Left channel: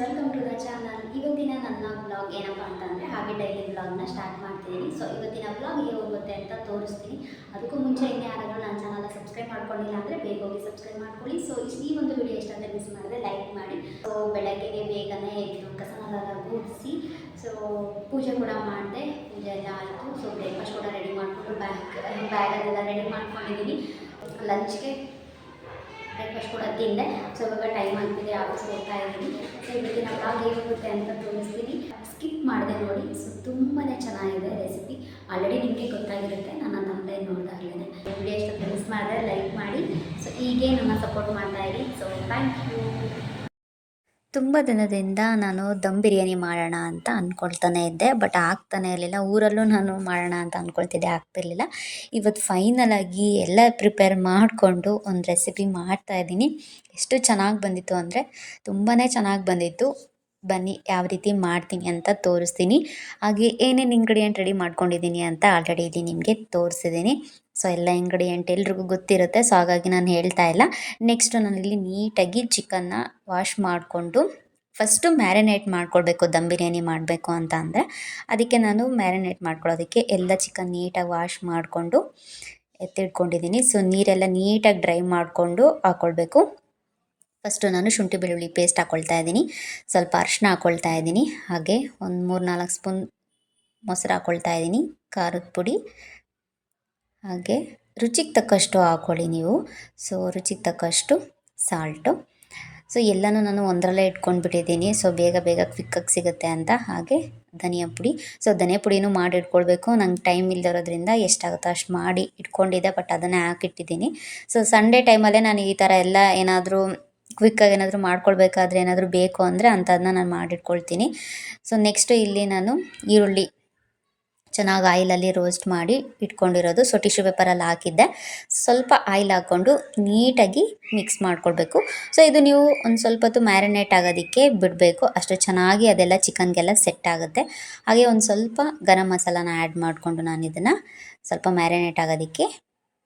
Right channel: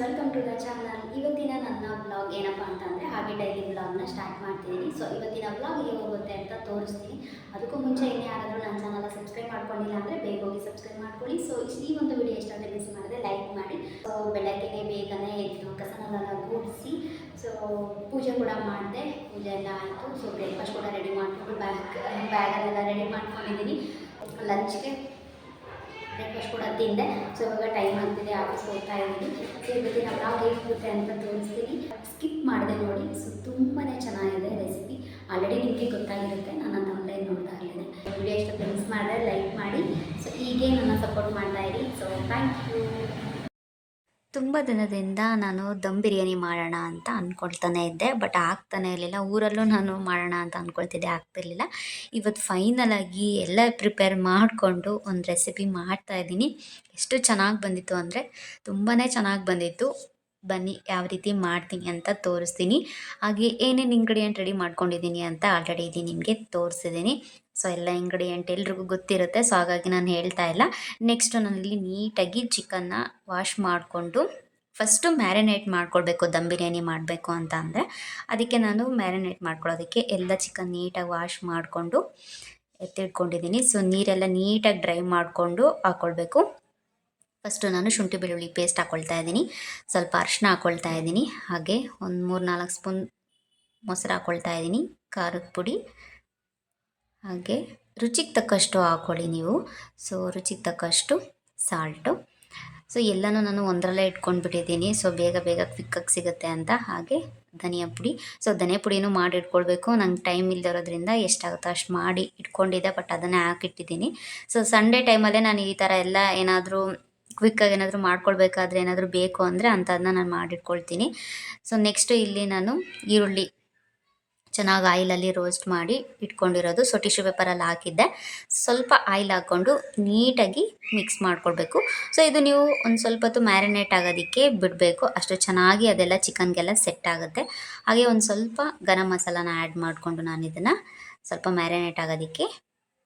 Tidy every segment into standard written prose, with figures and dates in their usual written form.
Welcome to the channel. ಇವತ್ತಿನ ನನ್ನ vlog ಏನಪ್ಪ ಅಂತಂದರೆ ಹಾಗೆ ಡೈಲಿ ವ್ಲಾಗ್ನ ಸ್ಟಾರ್ಟ್ ಮಾಡ್ತಿದ್ದೀನಿ. ಸೊ ಇವತ್ತಿನ ವ್ಲಾಗ್ ಹೇಗೆ ಹೋಗುತ್ತೆ ಅಂತ ತೋರಿಸ್ತೀನಿ. ಅದಕ್ಕೂ ಮುಂಚೆ ಇನ್ನೇ ಯಾರಾದರೂ ನನ್ನ ಚಾನಲ್ನ ಸಬ್ಸ್ಕ್ರೈಬ್ ಮಾಡ್ಕೊಂಡಿಲ್ಲ ಅಂದರೆ ಬೇಗ ಹೋಗಿ ಸಬ್ಸ್ಕ್ರೈಬ್ ಮಾಡ್ಕೊಳ್ಳಿ. ಸೊ ಈ ಒಂದು ವಿಡಿಯೋ ಇಷ್ಟ ಅಂದರೆ ಮಿಸ್ ಮಾಡಿದ್ರೆ ಲೈಕ್ ಮಾಡಿ. ಸೊ ಬೆಳಗ್ಗೆ ಬೇಗನೆ ಎದ್ದು ಕಸನೆಲ್ಲ ಗುಡಿಸಿ ಸೊ ಪೂಜೆ ಕೂಡ ಮಾಡಿದೆ. ಪೂಜೆ ಎಲ್ಲ ಆಯಿತು. ಸೊ ಬ್ರೇಕ್ಫಾಸ್ಟ್ ಕೂಡ ರೆಡಿ ಮಾಡಿಕೊಂಡು ಬ್ಯಾಗನ್ನೆಲ್ಲ ರೆಡಿ ಮಾಡ್ಕೊಂಡಿದ್ದೀನಿ. ಲಂಚ್ಗೆ ಬ್ರೇಕ್ಫಾಸ್ಟ್ ಕೂಡ ತಿಂದೆ. ಸೊ ಇವಾಗ ಟೈಮ್ ಆಗ್ತಿದೆ, ಆಫೀಸ್ ಹೋಗ್ತಾ ಇದ್ದೀನಿ. ಸೊ ಇವತ್ತಿನ ಬ್ಲಾಗ್ ಹೇಗೆ ಹೋಗುತ್ತೆ ಅಂತ ತೋರಿಸ್ತೀನಿ. ಸ್ಕಿಪ್ ಮಾಡಿದೆ ನೋಡಿ. ಸೊ ತುಂಬಾ ಚೆನ್ನಾಗಿದೆ ರೆಸಿಪಿ. ಆಲ್ರೆಡಿ ನಿಮಗೆ ಗೊತ್ತಾಗಿರುತ್ತೆ ನನ್ನ ತಮ್ಮದೇ ನೋಡಿದಾಗಲೇ. ವಿಡಿಯೋ ಇಷ್ಟ ಮಿಸ್ ಮಾಡಿದ್ರೆ ಲೈಕ್ ಮಾಡಿ. ಸೊ ಹೀಗೆ ನನ್ನ ಸಪೋರ್ಟ್ ಮಾಡ್ತಾ ಇರಿ. So thank you. ತುಂಬ ದಿನದಿಂದ ನಾನು ದಮ್ ಬಿರಿಯಾನಿ ಮಾಡೋಣ ಅಂತ ಅಂದ್ಕೊಳ್ತಾನೆ ಇದ್ದೆ, ಬಟ್ ಆಗ್ತಾನೆ ಇರಲಿಲ್ಲ. ಊರಲ್ಲೂ ನಾನು ಮಾಡೋಣ ಅಂತ ಅಂದ್ಕೊಳ್ತಿದ್ದೆ, ಆಗ್ತಿರ್ಲಿಲ್ಲ. ಇವತ್ತು ಫೈನಲಾಗಿ ಎಲ್ಲ ಪ್ರಿಪೇರ್ ಮಾಡಿಕೊಂಡು ಒಂದು ರೆಸಿಪಿ ಮಾಡ್ತಾಯಿದ್ದೀನಿ. ಎಷ್ಟು ಚೆನ್ನಾಗಿ ಬಂದಿತ್ತು ಅಂದರೆ ತುಂಬಾ ಚೆನ್ನಾಗಿ ಬಂದಿತ್ತು. ಬನ್ನಿ ಯಾವ ರೀತಿ ಮಾಡ್ತೀನಿ ಅಂತ ತೋರಿಸ್ತೀನಿ. ಹಾಗೆ ಏನೇನು ಇಂಗ್ರೀಡಿಯೆಂಟ್ ರೆಡಿ ಮಾಡ್ಕೊಂಡಿದ್ದೀನಿ ಅಂತ ಆಲ್ರೆಡಿ ನಿಮಗೆ ತೋರಿಸಿದ್ದೀನಿ. ಸೊ ಎಲ್ಲ ಇಂಗ್ರೀಡಿಯೆಂಟ್ ಎಲ್ರಿಗೂ ಗೊತ್ತಿರುತ್ತೆ, ಸೊ ಹಾಗಾಗಿ ನಾನು ಹೇಳ್ತಾ ಇಲ್ಲ. ನೆಕ್ಸ್ಟು ನಾನಿಲ್ಲಿ ನೀಟಾಗಿ ಚಿಕನ್ನ ವಾಶ್ ಮಾಡಿಕೊಂಡು ಫಸ್ಟು ಮ್ಯಾರಿನೇಟ್ ಮಾಡ್ಕೊಳ್ಬೇಕು. ದಮ್ ಬಿರಿಯಾನಿ ಮಾಡಬೇಕು ಅಂತ ಅಂದರೆ ಅದಕ್ಕೆ ನಾನು ಮ್ಯಾರಿನೇಟ್ ಮಾಡ್ಕೊಳ್ಳೋದಕ್ಕೆ ಎಲ್ಲ ಚಿಕನ್ ನೀಟಾಗಿ ವಾಶ್ ಮಾಡಿಕೊಂಡು ಎತ್ತಿಟ್ಕೊಂಡಿದ್ದೀನಿ. ಸೊ ನೀರೆಲ್ಲ ನೀಟಾಗಿ ಡ್ರೈ ಮಾಡಿಕೊಂಡು ಹಾಕ್ಕೊಳ್ಬೇಕು. ಫಸ್ಟು ನಾನು ಶುಂಠಿ ಬೆಳ್ಳುಳ್ಳಿ ಪೇಸ್ಟ್ ಹಾಕ್ಕೊಳ್ತಾ ಇದ್ದೀನಿ, ಸ್ವಲ್ಪ ಅರಿಶಿನ ಹಾಕ್ಕೊಳ್ತಾ ಇದ್ದೀನಿ, ಹಾಗೆ ಒಂದು 3-4 ಸ್ಪೂನ್ ಮೊಸರು ಹಾಕ್ಕೊಳ್ತಾ ಇದ್ದೀನಿ, ಖಾರದ ಪುಡಿ, ಹಾಗೆ ರುಚಿಗೆ ತಕ್ಕಷ್ಟು ಹಾಕ್ಕೊಳ್ಳಿ ನೀವು. ಸೊ ರುಚಿಗೆ ತಕ್ಕಷ್ಟು ಸಾಲ್ಟು. ಸೊ ಎಲ್ಲನೂ ನಾನು ಒಂದರಲ್ಲೇ ಇಟ್ಕೊಂಡ್ಬಿಟ್ಟಿದ್ದೀನಿ, ಸೊ ಬೇಗ ಬೇಗ ಕ್ವಿಕ್ಕಾಗಿ ಸಿಗುತ್ತೆ ಅಂತ. ಹಾಗೆ ಧನಿಯಾ ಪುಡಿ. ಸೊ ಧನಿಯಾ ಪುಡಿನೂ ಮಾಡಿ ಇಟ್ಕೊಳ್ಬೇಕು. ನಂಗೆ ಟೈಮ್ ಇಲ್ದಿರೋದ್ರಿಂದ ಎಷ್ಟಾಗುತ್ತೋ ಅಷ್ಟು ಮಾಡಿ ಇಟ್ಕೊಂಡಿದ್ದೆ, ಬಟ್ ಅದನ್ನೇ ಹಾಕಿಟ್ಟಿದ್ದೀನಿ. ಸೊ ಸಂಡೇ ಟೈಮಲ್ಲೇ ನಾನು ಈ ಥರ ಎಲ್ಲ ಏನಾದರೂ ಕ್ವಿಕ್ಕಾಗಿ ಏನಾದರೂ ಮಾಡ್ಕೊಳ್ಬೇಕಾದ್ರೆ ಏನಾದರೂ ಬೇಕು ಅಂದರೆ ಅಂಥದನ್ನ ನಾನು ಮಾಡಿಟ್ಕೊಳ್ತೀನಿ. ಸೊ ನೆಕ್ಸ್ಟು ಇಲ್ಲಿ ನಾನು ಈರುಳ್ಳಿ ಚೆನ್ನಾಗಿ ಆಯಿಲಲ್ಲಿ ರೋಸ್ಟ್ ಮಾಡಿ ಇಟ್ಕೊಂಡಿರೋದು. ಸೊ ಟಿಶ್ಯೂ ಪೇಪರಲ್ಲಿ ಹಾಕಿದ್ದೆ. ಸ್ವಲ್ಪ ಆಯಿಲ್ ಹಾಕ್ಕೊಂಡು ನೀಟಾಗಿ ಮಿಕ್ಸ್ ಮಾಡ್ಕೊಳ್ಬೇಕು. ಸೊ ಇದು ನೀವು ಒಂದು ಸ್ವಲ್ಪ ಹೊತ್ತು ಮ್ಯಾರಿನೇಟ್ ಆಗೋದಕ್ಕೆ ಬಿಡಬೇಕು. ಅಷ್ಟು ಚೆನ್ನಾಗಿ ಅದೆಲ್ಲ ಚಿಕನ್ಗೆಲ್ಲ ಸೆಟ್ ಆಗುತ್ತೆ. ಹಾಗೆ ಒಂದು ಸ್ವಲ್ಪ ಗರಂ ಮಸಾಲಾನ ಆ್ಯಡ್ ಮಾಡಿಕೊಂಡು ನಾನು ಇದನ್ನು ಸ್ವಲ್ಪ ಮ್ಯಾರಿನೇಟ್ ಆಗೋದಕ್ಕೆ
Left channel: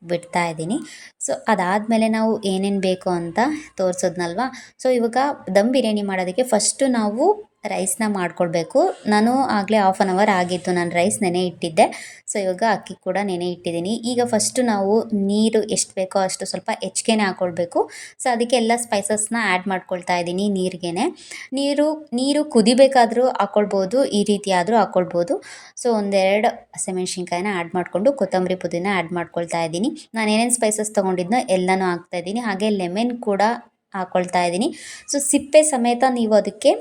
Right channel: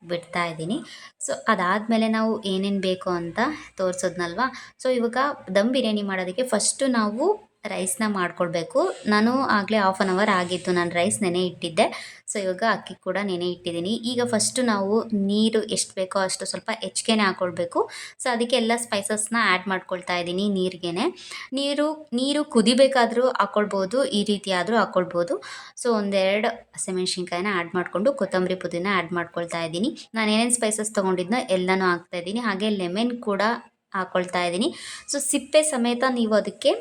ಬಿಡ್ತಾ ಇದ್ದೀನಿ. ಸೊ ಅದಾದಮೇಲೆ ನಾವು ಏನೇನು ಬೇಕು ಅಂತ ತೋರಿಸೋದ್ನಲ್ವ. ಸೊ ಇವಾಗ ದಮ್ ಬಿರಿಯಾನಿ ಮಾಡೋದಕ್ಕೆ ಫಸ್ಟು ನಾವು ರೈಸ್ನ ಮಾಡ್ಕೊಳ್ಬೇಕು. ನಾನು ಆಗಲೇ 1/2 ಅವರ್ ಆಗಿತ್ತು ನಾನು ರೈಸ್ ನೆನೆ ಇಟ್ಟಿದ್ದೆ. ಸೊ ಇವಾಗ ಅಕ್ಕಿ ಕೂಡ ನೆನೆ ಇಟ್ಟಿದ್ದೀನಿ. ಈಗ ಫಸ್ಟು ನಾವು ನೀರು ಎಷ್ಟು ಬೇಕೋ ಅಷ್ಟು ಸ್ವಲ್ಪ ಹೆಚ್ಚಿಗೆ ಹಾಕ್ಕೊಳ್ಬೇಕು. ಸೊ ಅದಕ್ಕೆ ಎಲ್ಲ ಸ್ಪೈಸಸ್ನ ಆ್ಯಡ್ ಮಾಡ್ಕೊಳ್ತಾ ಇದ್ದೀನಿ ನೀರಿಗೇ. ನೀರು ಕುದಿಬೇಕಾದರೂ ಹಾಕ್ಕೊಳ್ಬೋದು, ಈ ರೀತಿ ಆದರೂ ಹಾಕ್ಕೊಳ್ಬೋದು. ಸೊ 1-2 ಹಸಿಮೆಣ್ಸಿನ್ಕಾಯಿನ ಆ್ಯಡ್ ಮಾಡಿಕೊಂಡು ಕೊತ್ತಂಬರಿ ಪುದೀನ ಆ್ಯಡ್ ಮಾಡ್ಕೊಳ್ತಾ ಇದ್ದೀನಿ. ನಾನು ಏನೇನು ಸ್ಪೈಸಸ್ ತೊಗೊಂಡಿದ್ನೋ ಎಲ್ಲನೂ ಹಾಕ್ತಾಯಿದ್ದೀನಿ. ಹಾಗೆ ಲೆಮನ್ ಕೂಡ ಹಾಕ್ಕೊಳ್ತಾ ಇದ್ದೀನಿ. ಸೊ ಸಿಪ್ಪೆ ಸಮೇತ ನೀವು ಅದಕ್ಕೆ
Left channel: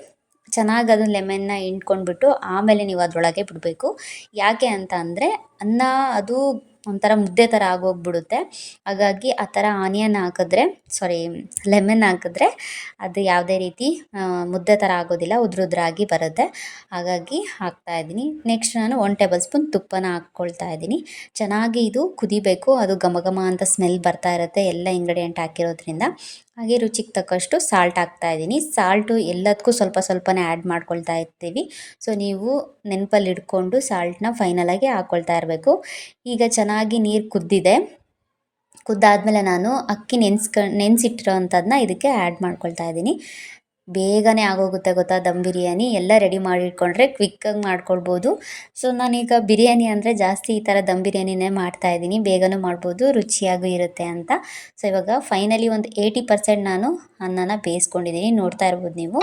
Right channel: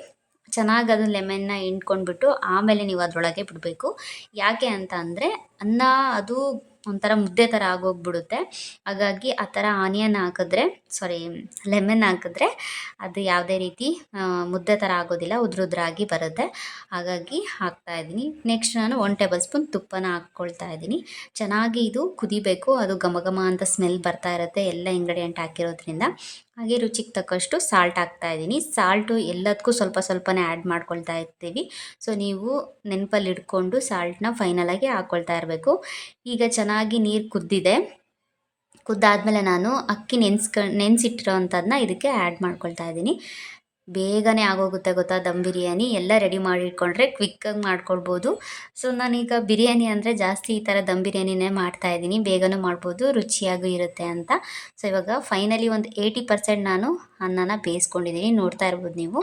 ಚೆನ್ನಾಗಿ ಅದನ್ನು ಲೆಮನ್ನ ಹಿಂಡ್ಕೊಂಡ್ಬಿಟ್ಟು ಆಮೇಲೆ ನೀವು ಅದರೊಳಗೆ ಬಿಡಬೇಕು. ಯಾಕೆ ಅಂತ ಅಂದರೆ ಅನ್ನ ಅದು ಒಂಥರ ಮುದ್ದೆ ಥರ ಆಗೋಗ್ಬಿಡುತ್ತೆ. ಹಾಗಾಗಿ ಆ ಥರ ಆನಿಯನ್ ಹಾಕಿದ್ರೆ ಲೆಮನ್ ಹಾಕಿದ್ರೆ ಅದು ಯಾವುದೇ ರೀತಿ ಮುದ್ದೆ ಥರ ಆಗೋದಿಲ್ಲ, ಉದ್ರಾಗಿ ಬರುತ್ತೆ. ಹಾಗಾಗಿ ಹಾಕ್ತಾಯಿದ್ದೀನಿ. ನೆಕ್ಸ್ಟ್ ನಾನು 1 ಟೇಬಲ್ ಸ್ಪೂನ್ ತುಪ್ಪನ ಹಾಕ್ಕೊಳ್ತಾ ಇದ್ದೀನಿ. ಚೆನ್ನಾಗಿ ಇದು ಕುದಿಬೇಕು. ಅದು ಘಮ ಘಮ ಅಂತ ಸ್ಮೆಲ್ ಬರ್ತಾ ಇರುತ್ತೆ ಎಲ್ಲ ಇಂಗ್ರೀಡಿಯೆಂಟ್ ಹಾಕಿರೋದ್ರಿಂದ. ಹಾಗೆ ರುಚಿಗೆ ತಕ್ಕಷ್ಟು ಸಾಲ್ಟ್ ಹಾಕ್ತಾಯಿದ್ದೀನಿ. ಸಾಲ್ಟು ಎಲ್ಲದಕ್ಕೂ ಸ್ವಲ್ಪ ಸ್ವಲ್ಪನೇ ಆ್ಯಡ್ ಮಾಡ್ಕೊಳ್ತಾ ಇರ್ತೀವಿ. ಸೊ ನೀವು ನೆನಪಲ್ಲಿ ಇಟ್ಕೊಂಡು ಸಾಲ್ಟನ್ನ ಫೈನಲಾಗಿ ಹಾಕ್ಕೊಳ್ತಾ ಇರಬೇಕು. ಈಗ ಚೆನ್ನಾಗಿ ನೀರು ಕುದ್ದಾದಮೇಲೆ ನಾನು ಅಕ್ಕಿ ನೆನೆಸಿಟ್ಟಿರೋ ಅಂಥದ್ದನ್ನ ಇದಕ್ಕೆ ಆ್ಯಡ್ ಮಾಡ್ಕೊಳ್ತಾ ಇದ್ದೀನಿ. ಬೇಗನೆ ಆಗೋಗುತ್ತೆ ಗೊತ್ತಾ ದಮ್ ಬಿರಿಯಾನಿ. ಎಲ್ಲ ರೆಡಿ ಮಾಡಿ ಇಟ್ಕೊಂಡ್ರೆ ಕ್ವಿಕ್ಕಾಗಿ ಮಾಡ್ಕೊಳ್ಬೋದು. ಸೊ ನಾನೀಗ ಬಿರಿಯಾನಿ ಅಂದರೆ ಜಾಸ್ತಿ ಈ ಥರ ದಮ್ ಬಿರಿಯಾನಿನೇ ಮಾಡ್ತಾಯಿದ್ದೀನಿ. ಬೇಗನೂ ಮಾಡ್ಬೋದು, ರುಚಿಯಾಗೂ ಇರುತ್ತೆ ಅಂತ. ಸೊ ಇವಾಗ ಫೈನಲಿ ಒಂದು 80% ನಾನು ಅನ್ನನ ಬೇಯಿಸ್ಕೊಂಡಿದ್ದೀನಿ, ನೋಡ್ತಾ ಇರ್ಬೋದು ನೀವು.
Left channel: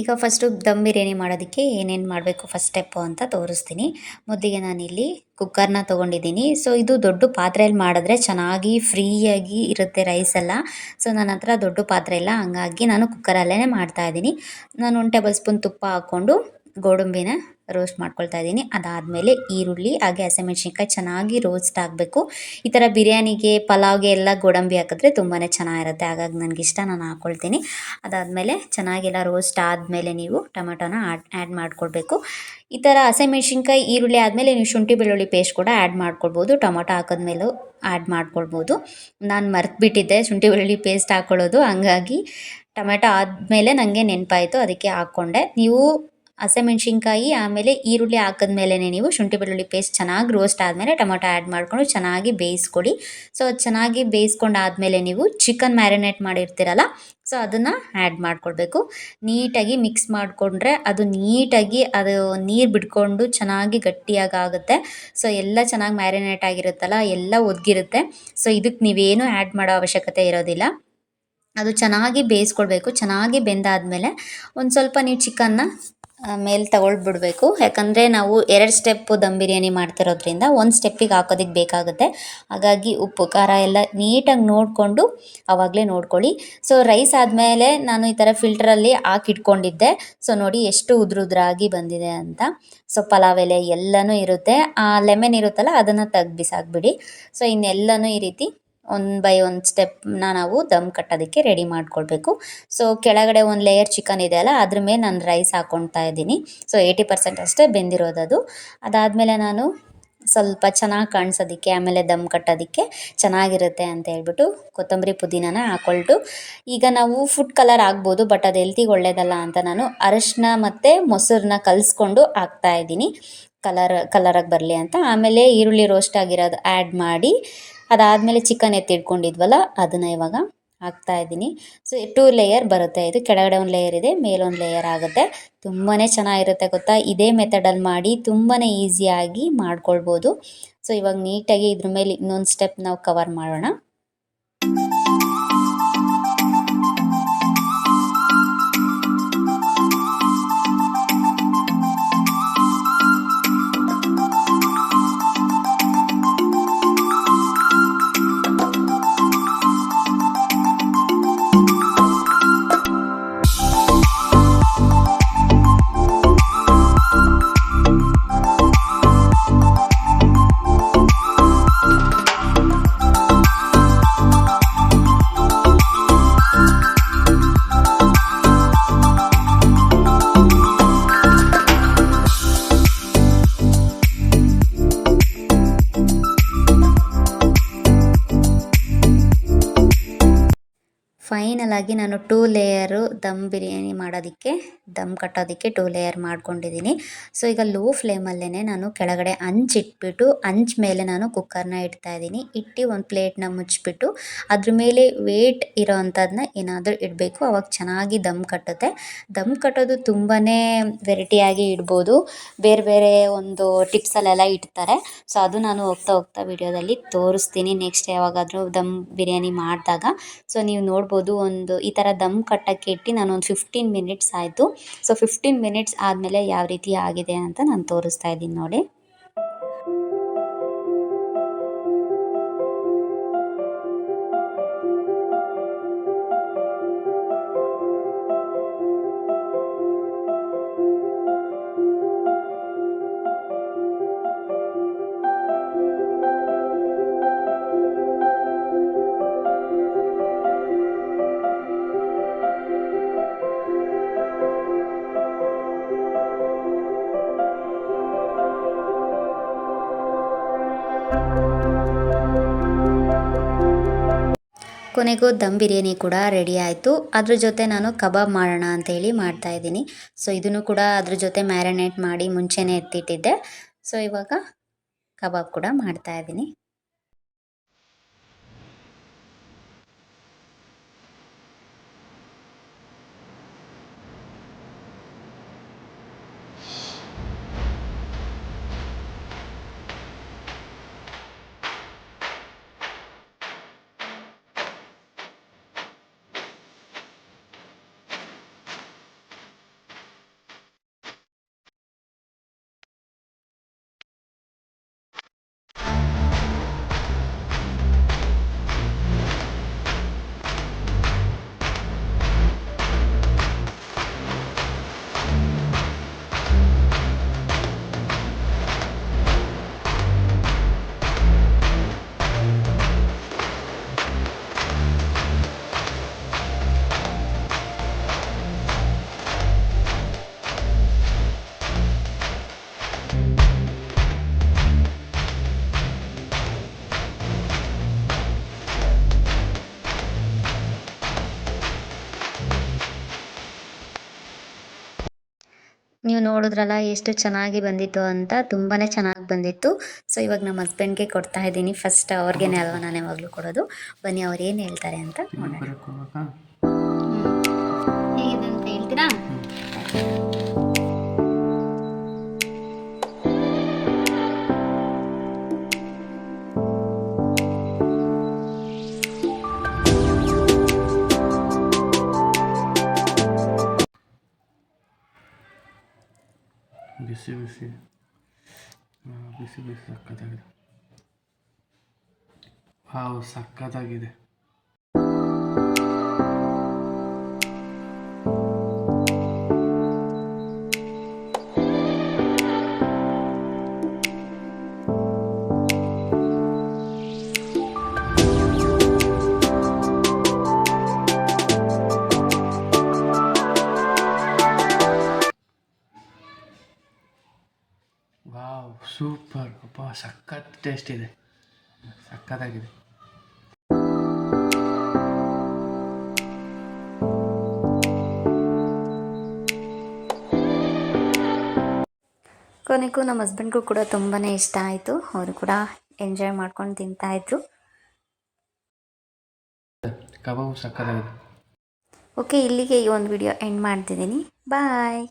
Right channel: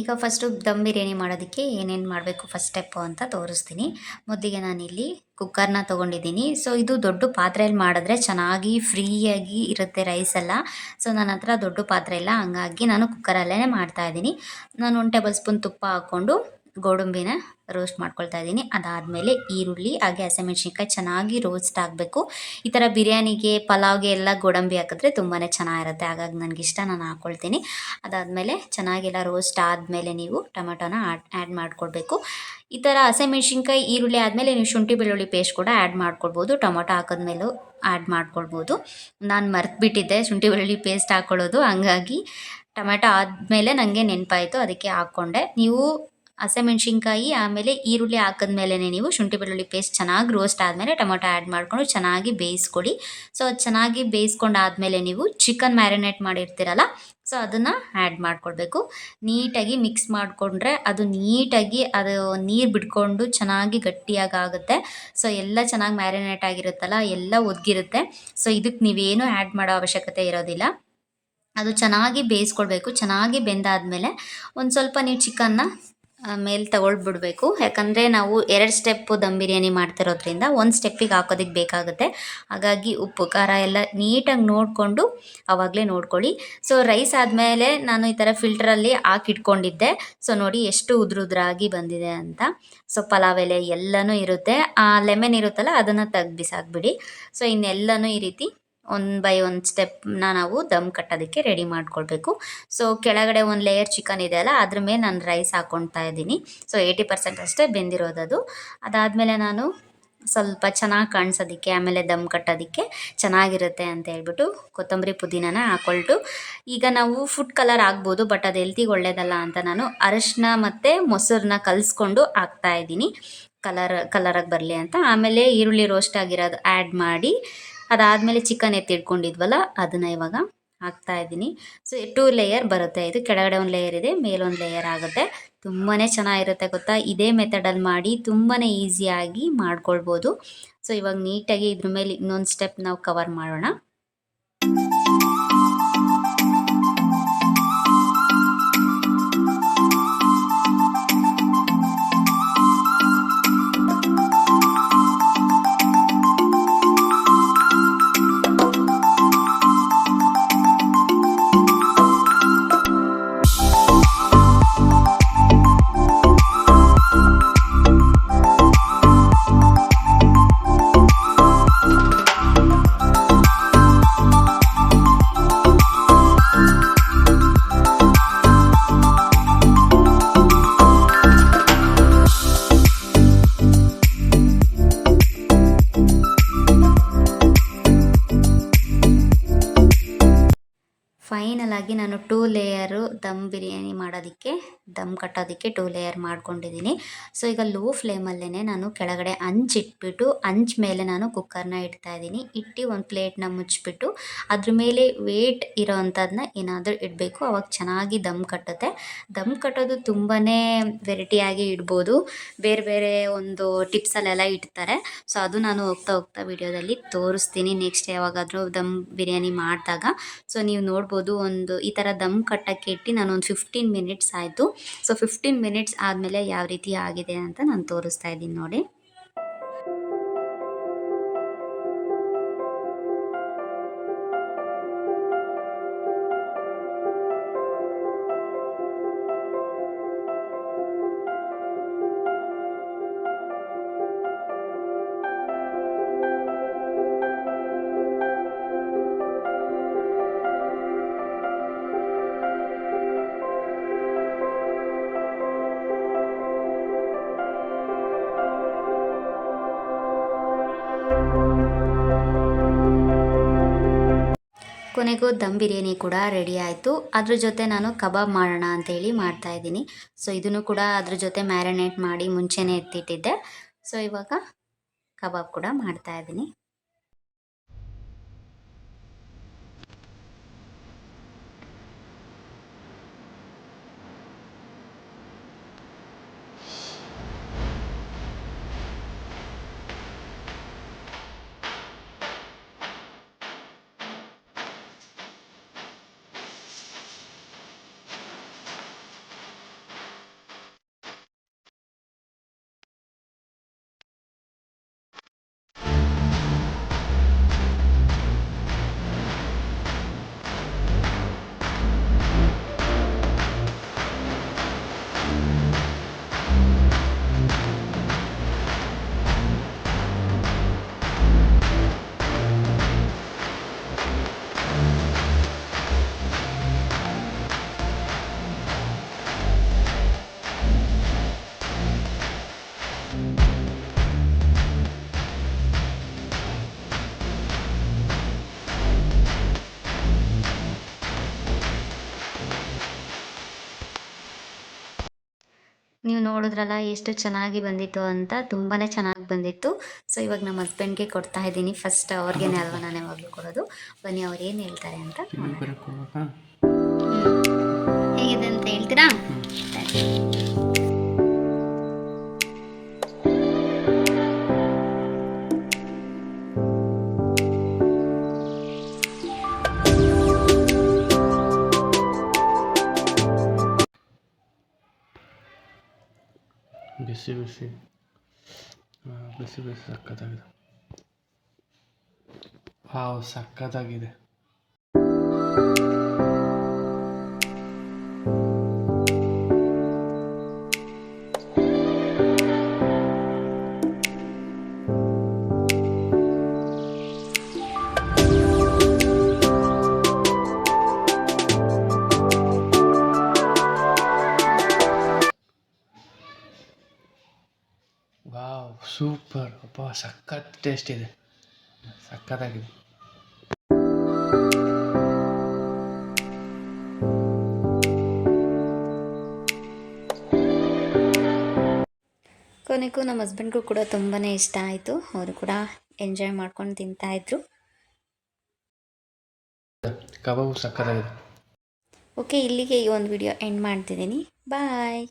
ಈಗ ಫಸ್ಟು ದಮ್ ಬಿರಿಯಾನಿ ಮಾಡೋದಕ್ಕೆ ಏನೇನು ಮಾಡಬೇಕು ಫಸ್ಟ್ ಸ್ಟೆಪ್ಪು ಅಂತ ತೋರಿಸ್ತೀನಿ. ಮೊದಲಿಗೆ ನಾನಿಲ್ಲಿ ಕುಕ್ಕರ್ನ ತೊಗೊಂಡಿದ್ದೀನಿ. ಸೊ ಇದು ದೊಡ್ಡ ಪಾತ್ರೆಯಲ್ಲಿ ಮಾಡಿದ್ರೆ ಚೆನ್ನಾಗಿ ಫ್ರೀಯಾಗಿ ಇರುತ್ತೆ ರೈಸೆಲ್ಲ. ಸೊ ನನ್ನ ಹತ್ರ ದೊಡ್ಡ ಪಾತ್ರೆ ಇಲ್ಲ, ಹಂಗಾಗಿ ನಾನು ಕುಕ್ಕರಲ್ಲೇ ಮಾಡ್ತಾಯಿದ್ದೀನಿ. ನಾನು 1 ಟೇಬಲ್ ಸ್ಪೂನ್ ತುಪ್ಪ ಹಾಕ್ಕೊಂಡು ಗೋಡಂಬಿನ ರೋಸ್ಟ್ ಮಾಡ್ಕೊಳ್ತಾ ಇದ್ದೀನಿ. ಅದಾದಮೇಲೆ ಈರುಳ್ಳಿ ಹಾಗೆ ಹಸಿಮೆಣ್ಸಿನ್ಕಾಯಿ ಚೆನ್ನಾಗಿ ರೋಸ್ಟ್ ಆಗಬೇಕು. ಈ ಥರ ಬಿರಿಯಾನಿಗೆ ಪಲಾವ್ಗೆ ಎಲ್ಲ ಗೋಡಂಬಿ ಹಾಕಿದ್ರೆ ತುಂಬಾ ಚೆನ್ನಾಗಿರುತ್ತೆ, ಹಾಗಾಗಿ ನನಗಿಷ್ಟ, ನಾನು ಹಾಕ್ಕೊಳ್ತೀನಿ. ಅದಾದಮೇಲೆ ಚೆನ್ನಾಗೆಲ್ಲ ರೋಸ್ಟ್ ಆದಮೇಲೆ ನೀವು ಟೊಮೆಟೊನ ಆ್ಯಡ್ ಮಾಡ್ಕೊಳ್ಬೇಕು. ಈ ಥರ ಹಸಿಮೆಣ್ಸಿನ್ಕಾಯಿ ಈರುಳ್ಳಿ ಆದಮೇಲೆ ನೀವು ಶುಂಠಿ ಬೆಳ್ಳುಳ್ಳಿ ಪೇಸ್ಟ್ ಕೂಡ ಆ್ಯಡ್ ಮಾಡ್ಕೊಳ್ಬೋದು. ಟೊಮೊಟೊ ಹಾಕಿದ್ಮೇಲೂ ಆ್ಯಡ್ ಮಾಡ್ಕೊಳ್ಬೋದು. ನಾನು ಮರೆತುಬಿಟ್ಟಿದ್ದೆ ಶುಂಠಿ ಬೆಳ್ಳುಳ್ಳಿ ಪೇಸ್ಟ್ ಹಾಕ್ಕೊಳ್ಳೋದು, ಹಂಗಾಗಿ ಟೊಮೆಟೊ ಆದಮೇಲೆ ನನಗೆ ನೆನಪಾಯಿತು, ಅದಕ್ಕೆ ಹಾಕ್ಕೊಂಡೆ. ನೀವು ಹಸಿಮೆಣ್ಸಿನ್ಕಾಯಿ ಆಮೇಲೆ ಈರುಳ್ಳಿ ಹಾಕಿದ್ಮೇಲೆ ನೀವು ಶುಂಠಿ ಬೆಳ್ಳುಳ್ಳಿ ಪೇಸ್ಟ್ ಚೆನ್ನಾಗಿ ರೋಸ್ಟ್ ಆದಮೇಲೆ ಟೊಮೊಟೊ ಆ್ಯಡ್ ಮಾಡಿಕೊಂಡು ಚೆನ್ನಾಗಿ ಬೇಯಿಸ್ಕೊಡಿ. ಸೊ ಅದು ಚೆನ್ನಾಗಿ ಬೇಯಿಸ್ಕೊಂಡಾದಮೇಲೆ ನೀವು ಚಿಕನ್ ಮ್ಯಾರಿನೇಟ್ ಮಾಡಿರ್ತೀರಲ್ಲ, ಸೊ ಅದನ್ನು ಆ್ಯಡ್ ಮಾಡಿಕೊಡ್ಬೇಕು. ನೀಟಾಗಿ ಮಿಕ್ಸ್ ಮಾಡಿಕೊಂಡ್ರೆ ಅದು ನೀಟಾಗಿ ಅದು ನೀರು ಬಿಟ್ಕೊಂಡು ಚೆನ್ನಾಗಿ ಗಟ್ಟಿಯಾಗಿ ಆಗುತ್ತೆ. ಸೊ ಎಲ್ಲ ಚೆನ್ನಾಗಿ ಮ್ಯಾರಿನೇಟ್ ಆಗಿರುತ್ತಲ್ಲ, ಎಲ್ಲ ಒದಗಿರುತ್ತೆ. ಸೊ ಇದಕ್ಕೆ ನೀವೇನು ಆ್ಯಡ್ ಮಾಡೋ ಅವಶ್ಯಕತೆ ಇರೋದಿಲ್ಲ. ಅದು ಚೆನ್ನಾಗಿ ಬೇಯಿಸ್ಕೊಳ್ಬೇಕು. ಚೆನ್ನಾಗಿ ಬೆಂದಾದಮೇಲೆ ಒಂದು ಸ್ವಲ್ಪ ನೀವು ಚಿಕನ್ನ ಮೇಲೆ ತಗೊಳ್ಬಿಡ್ಬೇಕು. ಯಾಕಂದರೆ ನಾವು 2 ಸ್ಟೆಪ್ಪು ದಮ್ ಬಿರಿಯಾನಿ ಮಾಡ್ತಿರೋದ್ರಿಂದ 1 ಸ್ಟೆಪ್ಪಿಗೆ ಹಾಕೋದಕ್ಕೆ ಬೇಕಾಗುತ್ತೆ. ಹಾಗಾಗಿ ಉಪ್ಪು ಖಾರ ಎಲ್ಲ ನೀಟಾಗಿ ನೋಡಿಕೊಂಡು ಆವಾಗಲೇ ನೋಡ್ಕೊಳ್ಳಿ. ಸೊ ರೈಸ್ ಆದಮೇಲೆ ನಾನು ಈ ಥರ ಫಿಲ್ಟ್ರಲ್ಲಿ ಹಾಕಿಟ್ಕೊಂಡಿದ್ದೆ. ಸೊ ನೋಡಿ ಎಷ್ಟು ಉದುರಾಗಿ ಬಂದಿದೆ ಅಂತ. ಸೊ ಪಲಾವ್ ಎಲೆ ಎಲ್ಲನೂ ಇರುತ್ತೆ. ಆ ಲೆಮನ್ ಇರುತ್ತಲ್ಲ ಅದನ್ನು ತೆಗ್ದು ಬಿಸಾಕ್ಬಿಡಿ. ಸೊ ಇನ್ನೆಲ್ಲನೂ ಈ ರೀತಿ 1 ಬೈ 1 ಸ್ಟೆಪ್ನ ನಾವು ದಮ್ ಕಟ್ಟೋದಕ್ಕೆ ರೆಡಿ ಮಾಡ್ಕೊಳ್ಬೇಕು. ಸೊ ಕೆಳಗಡೆ ಒಂದು ಲೇಯರ್ ಚಿಕನ್ ಇದೆ ಅಲ್ಲ, ಅದ್ರ ಮೇಲೆ ನಾನು ರೈಸ್ ಹಾಕ್ಕೊಳ್ತಾ ಇದ್ದೀನಿ. ಸೊ 80% ಅಷ್ಟೇ ಬೆಂದಿರೋದದು. ಅದಾದಮೇಲೆ ನಾನು ಸ್ವಲ್ಪ ಚೆನ್ನಾಗಿ ಕಾಣಿಸೋದಕ್ಕೆ ಆಮೇಲೆ ದಮ್ ಕಟ್ಟೋದಕ್ಕೆ ಚೆನ್ನಾಗಿರುತ್ತೆ ಅಂತ ಹೇಳ್ಬಿಟ್ಟು ಕೊತ್ತಂಬರಿ ಪುದೀನನ ಹಾಕ್ಕೊಳ್ತು. ಈಗ ನಾವು ಫುಡ್ ಕಲರ್ ಆಗ್ಬೋದು, ಬಟ್ ಅದು ಹೆಲ್ತಿಗೆ ಒಳ್ಳೇದಲ್ಲ ಅಂತ ನಾನು ಅರಶಿನ ಮತ್ತು ಮೊಸರನ್ನ ಕಲಿಸ್ಕೊಂಡು ಹಾಕ್ತಾಯಿದ್ದೀನಿ, ಕಲರಾಗಿ ಬರಲಿ ಅಂತ. ಆಮೇಲೆ ಈರುಳ್ಳಿ ರೋಸ್ಟ್ ಆಗಿರೋದು ಆ್ಯಡ್ ಮಾಡಿ ಅದಾದಮೇಲೆ ಚಿಕನ್ ಎತ್ತಿಟ್ಕೊಂಡಿದ್ವಲ್ಲ ಅದನ್ನು ಇವಾಗ ಹಾಕ್ತಾಯಿದ್ದೀನಿ. ಸೊ 2 ಲೇಯರ್ ಬರುತ್ತೆ. ಇದು ಕೆಳಗಡೆ ಒಂದು ಲೇಯರ್ ಇದೆ, ಮೇಲೊಂದು ಲೇಯರ್ ಆಗುತ್ತೆ. ತುಂಬಾ ಚೆನ್ನಾಗಿರುತ್ತೆ ಗೊತ್ತಾ. ಇದೇ ಮೆಥಡಲ್ಲಿ ಮಾಡಿ ತುಂಬಾ ಈಸಿಯಾಗಿ ಮಾಡ್ಕೊಳ್ಬೋದು. ಸೊ ಇವಾಗ ನೀಟಾಗಿ ಇದ್ರ ಮೇಲೆ ಇನ್ನೊಂದು ಸ್ಟೆಪ್ ನಾವು ಕವರ್ ಮಾಡೋಣ. ಫೈನಲ್ ಆಗಿ ನಾನು 2 ಲೇಯರು ದಮ್ ಬಿರಿಯಾನಿ ಮಾಡೋದಕ್ಕೆ, ದಮ್ ಕಟ್ಟೋದಕ್ಕೆ 2 ಲೇಯರ್ ಮಾಡ್ಕೊಂಡಿದ್ದೀನಿ. ಸೊ ಈಗ ಲೋ ಫ್ಲೇಮಲ್ಲೇ ನಾನು ಕೆಳಗಡೆ ಹಂಚಿಟ್ಬಿಟ್ಟು ಹಂಚ್ ಮೇಲೆ ನಾನು ಕುಕ್ಕರ್ನ ಇಡ್ತಾಯಿದ್ದೀನಿ. ಇಟ್ಟು ಒಂದು ಪ್ಲೇಟ್ನ ಮುಚ್ಚಿಬಿಟ್ಟು ಅದ್ರ ಮೇಲೆ ವೇಟ್ ಇರೋ ಅಂಥದ್ದನ್ನ ಏನಾದರೂ ಇಡಬೇಕು. ಅವಾಗ ಚೆನ್ನಾಗಿ ದಮ್ ಕಟ್ಟುತ್ತೆ. ದಮ್ ಕಟ್ಟೋದು ತುಂಬಾ ವೆರೈಟಿಯಾಗಿ ಇಡ್ಬೋದು. ಬೇರೆ ಬೇರೆ ಒಂದು ಟಿಪ್ಸಲ್ಲೆಲ್ಲ ಇಡ್ತಾರೆ. ಸೊ ಅದು ನಾನು ಹೋಗ್ತಾ ವಿಡಿಯೋದಲ್ಲಿ ತೋರಿಸ್ತೀನಿ ನೆಕ್ಸ್ಟ್ ಯಾವಾಗಾದರೂ ದಮ್ ಬಿರಿಯಾನಿ ಮಾಡಿದಾಗ. ಸೊ ನೀವು ನೋಡ್ಬೋದು, ಒಂದು ಈ ಥರ ದಮ್ ಕಟ್ಟಕ್ಕೆ ಇಟ್ಟು ನಾನು ಒಂದು 15 ಮಿನಿಟ್ಸ್ ಆಯಿತು. ಸೊ 15 ಮಿನಿಟ್ಸ್ ಆದಮೇಲೆ ಯಾವ ರೀತಿ ಆಗಿದೆ ಅಂತ ನಾನು ತೋರಿಸ್ತಾ ಇದ್ದೀನಿ ನೋಡಿ. ಕೊನೆಗೂ ದಮ್ ಬಿರಿಯಾನಿ ಕೂಡ ರೆಡಿ ಆಯಿತು. ಅದ್ರ ಜೊತೆ ನಾನು ಕಬಾಬ್ ಮಾಡೋಣ ಅಂತೇಳಿ ಮಾಡ್ತಾಯಿದ್ದೀನಿ. ಸೊ ಇದನ್ನು ಕೂಡ ಅದ್ರ ಜೊತೆ ಮ್ಯಾರಿನೇಟ್ ಮಾಡಿ ಮುಂಚೆನೇ ಎತ್ತಿಟ್ಟಿದ್ದೆ. ಸೊ ಇವಾಗ ಕಬಾಬ್ ಕೂಡ ಮಾಡ್ತಾಯಿದ್ದೀನಿ. ನೀವು ನೋಡಿದ್ರಲ್ಲ ಎಷ್ಟು ಚೆನ್ನಾಗಿ ಬಂದಿತ್ತು ಅಂತ, ತುಂಬಾ ಚೆನ್ನಾಗಿ ಬಂದಿತ್ತು. ಸೊ ಇವಾಗ ನಮ್ಮ ಹಸ್ಬೆಂಡ್ಗೆ ಕೊಡ್ತಾ ಇದ್ದೀನಿ. ಫಸ್ಟ್ ಅವ್ರಿಗೇನೆ ಅಲ್ವಾ ನಾನು ಯಾವಾಗಲೂ ಕೊಡೋದು. ಬನ್ನಿ ಅವ್ರು ಏನು ಹೇಳ್ತಾರೆ ಅಂತ ನೋಡೋಣ. ಹೇಗಿದೆ ಅಂತ ಹೇಳ್ತೀರಾ? ಬಿಸಿ ಬಿಸಿ ಬಿಸಿ ಬಿಸಿ ಸಕ್ಕತ್ತಾಗಿದೆ. ವಾವ್, ಸಕ್ಕತ್ತಾಗಿದೆ. Wow, super. ಅಪ್ಪ, ಸಖತ್ ಟೇಸ್ಟ್ ಇದೆ, ಸಖತ್ತಾಗಿದೆ. ಕೊನೆಗೂ ನಮ್ಮ ಹಸ್ಬೆಂಡ್ಗೂ ಕೂಡ ತುಂಬಾ ಇಷ್ಟ ಆಯಿತು. ಅವರು ಕೂಡ ಎಂಜಾಯ್ ಮಾಡ್ಕೊಂಡು ತಿಂತಾಯಿದ್ರು. ಕಬಾಬು ಸಕ್ಕತ್ತಾಗಿದೆ. ಓಕೆ, ಇಲ್ಲಿಗೆ ಈ ಒಂದು ವಿಡಿಯೋ ಎಂಡ್ ಮಾಡ್ತಿದ್ದೀನಿ. ಬಾಯ್.